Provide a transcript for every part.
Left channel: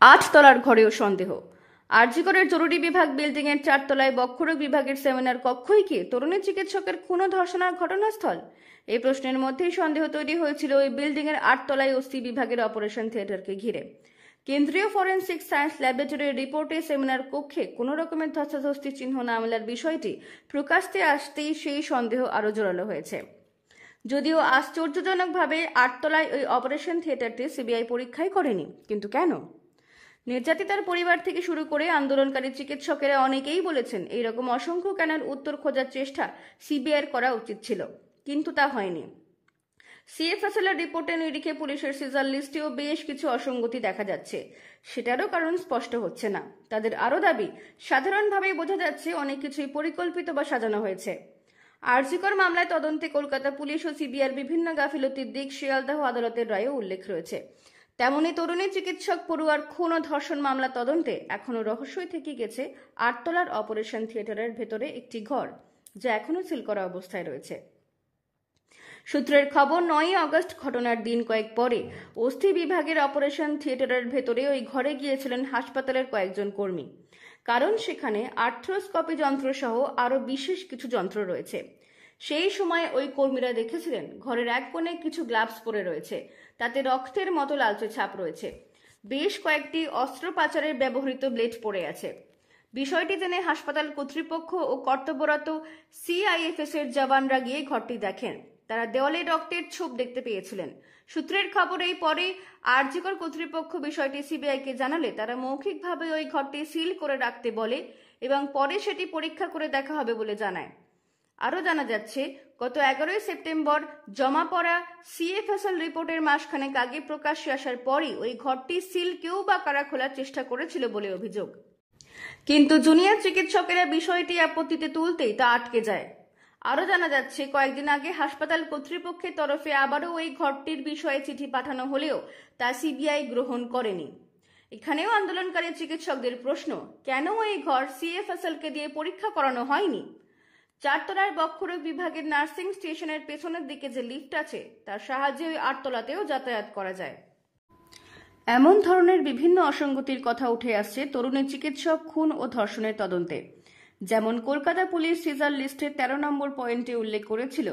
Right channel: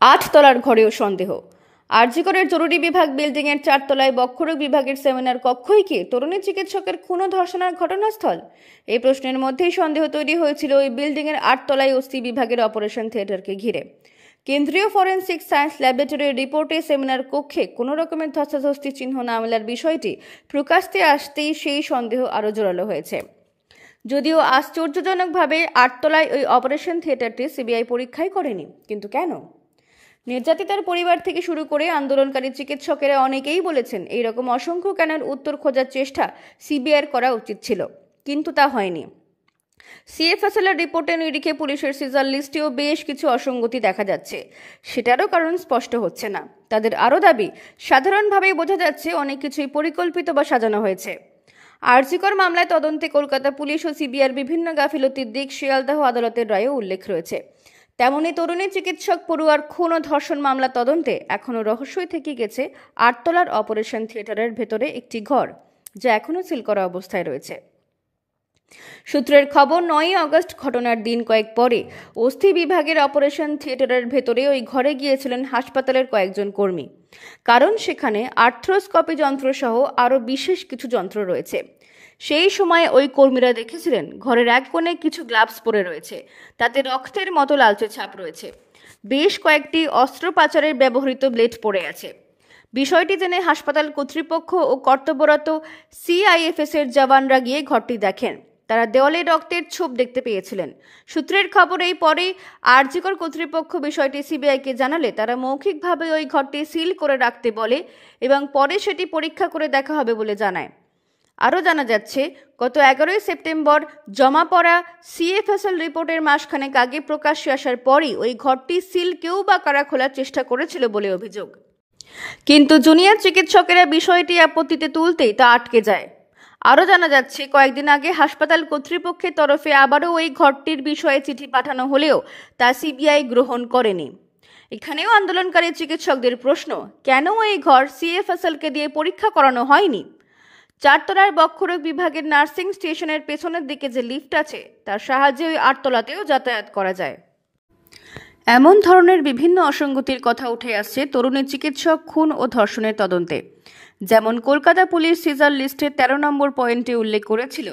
8 তলার ঘরেও সন্দেহ। আরজিকরের জরুরি বিভাগ বিল্ডিং এর 4 তলায় বক্ষরোগ বিভাগের সেমিনার কক্ষই কি তরুণী চিকিৎসকের খুন ও ধর্ষণের ঘটনাস্থল? এই প্রশ্নের মধ্যেই সন্দেহ তৈরি হয়েছিল ওই বিল্ডিং এর 8 তলায় ওসি বিভাগের অপারেশন থিয়েটারকে ঘিরে। কেন্দ্রীয় ফরেন্সিক সায়েন্স ল্যাবরেটরির রিপোর্টে সেমিনার কক্ষে কোনো রকমের ধস্তাধস্তি চিহ্ন না মেলার বিষয়টি প্রকাশ্যে আসতেই সেই সন্দেহ আরও জোরালো হয়েছে। যদিও আশ্চর্যজনকভাবে 8 তলায় ওই অপারেশন থিয়েটারটি সিবিআই পরীক্ষাই করেনি, কিন্তু কেন? নির্যাতিতার পরিবার থেকে শুরু করে আন্দোলনকারী চিকিৎসকেরা অনেকেই বলেছেন এই রকম অসংখ্য কেনের উত্তর খোঁজার চেষ্টা সিবিআইয়ের করা উচিত ছিল, কিন্তু তা হয়নি। সিএফএসএল এর রিপোর্টে নিরিখে পুলিশের সিজার লিস্টেও বেশ কিছু অসঙ্গতি দেখা যাচ্ছে। সেটারও কারণ স্পষ্ট হচ্ছে না। তাদের আরও দাবি, সাধারণভাবেই বোঝা যাচ্ছে অনেক কিছুই পরিকল্পিত বা সাজানো হয়েছে। আরজিকর মামলায় তদন্তে কলকাতা পুলিশ ও সিবিআইয়ের বিভিন্ন গাফিলতির দিক শিয়ালদহ আদালতের রায়েও উল্লেখ রয়েছে। তেমনি তরুণী চিকিৎসক পড়ুয়ার খুন ও ধর্ষণ মামলা তদন্তে এখনও রহস্যই থেকে গেছে 8 তলার অপারেশন থিয়েটারের ভেতরে একটি ঘর, যা এখনও সিল করা অবস্থায় রয়েছে। সূত্রের খবর, 9 আগস্ট ঘটনার দিন কয়েক পরে অস্থি বিভাগের অপারেশন থিয়েটারের ভেতরে ওই ঘরে গিয়েছিলেন হাসপাতালের কয়েকজন কর্মী, কারণ সেখানে আর্থ্রোস্কোপি যন্ত্র সহ আরও বিশেষ কিছু যন্ত্র রয়েছে। সেই সময় ওই কর্মীরা দেখেছিলেন ঘরের এক কোণে কিছু গ্লাভস পরে রয়েছে, তাতে রক্তের মতো লালচে ছাপ রয়েছে। বেশ কয়েকটি অস্ত্রোপচারের ব্যবহৃত ব্লেড পড়ে আছে। বিষয়টি জেনে হাসপাতাল কর্তৃপক্ষ ও কর্তব্যরত সিআইএফএস এর জওয়ানরা গিয়ে ঘরটি দেখেন। তারা দেওয়ালে রক্তের ছোপ দেখতে পেয়েছিলেন। সূত্রের খবর, এই পরে আরজিকর কর্তৃপক্ষ বিষয়টি সিবিআইকে জানালে তারা মৌখিকভাবে ওই ঘরটি সিল করে রাখতে বলে এবং পরে সেটি পরীক্ষা করে দেখা হবে বলে জানায়। আরও জানা যাচ্ছে, গত 11 সেপ্টেম্বর জমা পড়া সিএফএসএল রিপোর্টের মাসখানেক আগে প্রকাশ্যে আসার পরই ওই ঘরটি সিল কেউ বা কারা খোলার চেষ্টা করেছিল বলে অভিযোগ। কিন্তু জুনিয়র চিকিৎসকেরা বিষয়টি আপত্তিতে তুলতেই তা আটকে যায়। আরও জানা যাচ্ছে, কয়েকদিন আগে হাসপাতাল কর্তৃপক্ষের তরফে আবারও ওই ঘরটির বিষয়ে চিঠি পাঠানো হলেও তা সিবিআই গ্রহণ করেনি। এখানেও আন্দোলনকারী চিকিৎসকদের প্রশ্ন, কেন এই ঘর সিএফএসএলকে দিয়ে পরীক্ষা করানো হয়নি? 4 তলার বক্ষরোগ বিভাগের নার্সিং স্টেশনের পেছনের দিকে যে লিফট আছে তার সাহায্যে ওই 8 তলাতেও যাতায়াত করা যায়। এমন ধরনের বিভিন্ন অসঙ্গতির কথা উঠে আসছে তরুণী চিকিৎসক খুন ও ধর্ষণের তদন্তে। যেমন কলকাতা পুলিশ সিজার লিস্টের 13 নম্বর পয়েন্টে উল্লেখ করেছিল,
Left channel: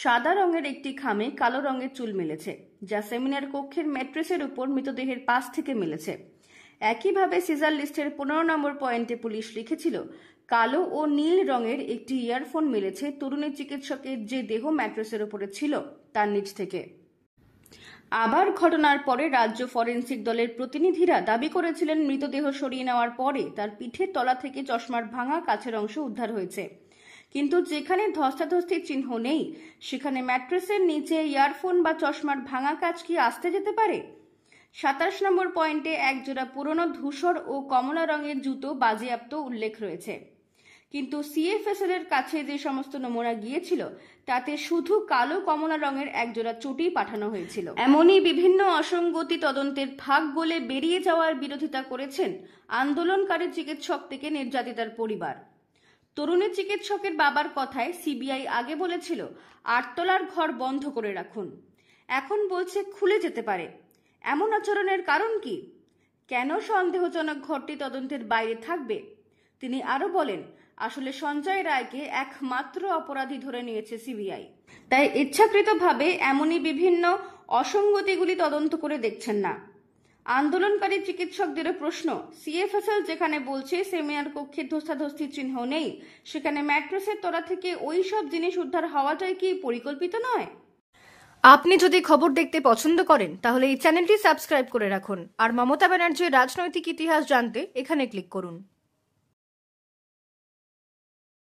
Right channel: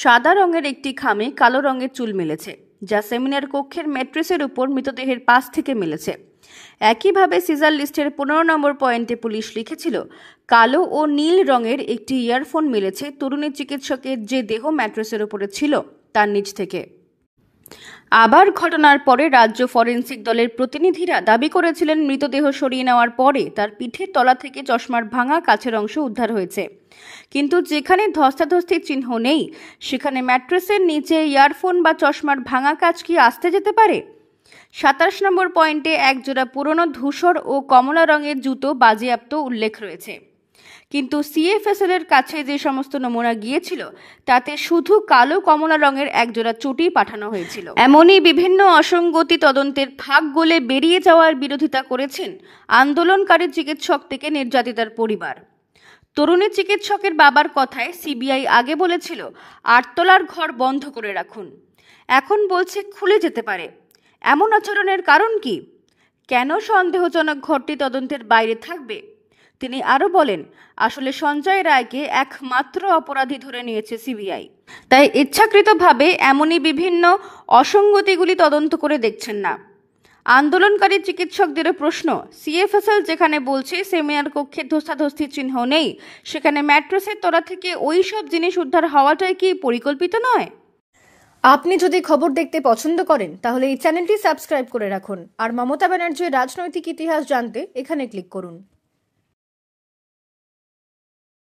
সাদা রঙের একটি খামে কালো রঙের চুল মিলেছে, যা সেমিনার কক্ষের ম্যাট্রেসের উপর মৃতদেহের পাশ থেকে মিলেছে। একইভাবে সিজার লিস্টের 15 নম্বর পয়েন্টে পুলিশ লিখেছিল, কালো ও নীল রঙের একটি ইয়ারফোন মিলেছে তরুণী চিকিৎসকের যে দেহ ম্যাট্রেসের উপরে ছিল তার নিচ থেকে। আবার ঘটনার পরে রাজ্য ফরেন্সিক দলের প্রতিনিধিরা দাবি করেছিলেন মৃতদেহ সরিয়ে নেওয়ার পরে তার পিঠের তলা থেকে চশমার ভাঙা কাছের অংশ উদ্ধার হয়েছে। কিন্তু যেখানে ধস্তাধস্তির চিহ্ন নেই, সেখানে ম্যাট্রেসের নিচে ইয়ারফোন বা চশমার ভাঙা কাচ কি আসতে যেতে পারে? 27 নম্বর পয়েন্টে এক জোড়া পুরনো ধূসর ও কমলা রঙের জুতো বাজেয়াপ্ত উল্লেখ রয়েছে। কিন্তু সিএফএসএল এর কাছে যে সমস্ত নমুনা গিয়েছিল তাতে শুধু কালো কমলা রঙের একজোড়া চটি পাঠানো হয়েছিল। এমনই বিভিন্ন অসঙ্গতি তদন্তের ফাঁক গলে বেরিয়ে যাওয়ার বিরোধিতা করেছেন আন্দোলনকারী চিকিৎসক থেকে নির্যাতিতার পরিবার। তরুণী চিকিৎসকের বাবার কথায় সিবিআই আগে বলেছিল 8 তলার ঘর বন্ধ করে রাখুন, এখন বলছে খুলে যেতে পারে। এমন আচরণের কারণ কি? কেন সন্দেহজনক ঘরটি তদন্তের বাইরে থাকবে? তিনি আরও বলেন, আসলে সঞ্জয় রায়কে একমাত্র অপরাধী ধরে নিয়েছে সিবিআই, তাই ইচ্ছাকৃতভাবে এমনই বিভিন্ন অসঙ্গতিগুলি তদন্ত করে দেখছেন না। আন্দোলনকারী চিকিৎসকদেরও প্রশ্ন, সিএফএসএল যেখানে বলছে সেমিনার কক্ষে ধস্তাধস্তির চিহ্ন নেই, সেখানে ম্যাট্রেসের তলা থেকে ওই সব জিনিস উদ্ধার হওয়াটাই কি পরিকল্পিত নয়? আপনি যদি খবর দেখতে পছন্দ করেন তাহলে এই চ্যানেলটি সাবস্ক্রাইব করে রাখুন, আর মমতা ব্যানার্জির রাজনৈতিক ইতিহাস জানতে এখানে ক্লিক করুন।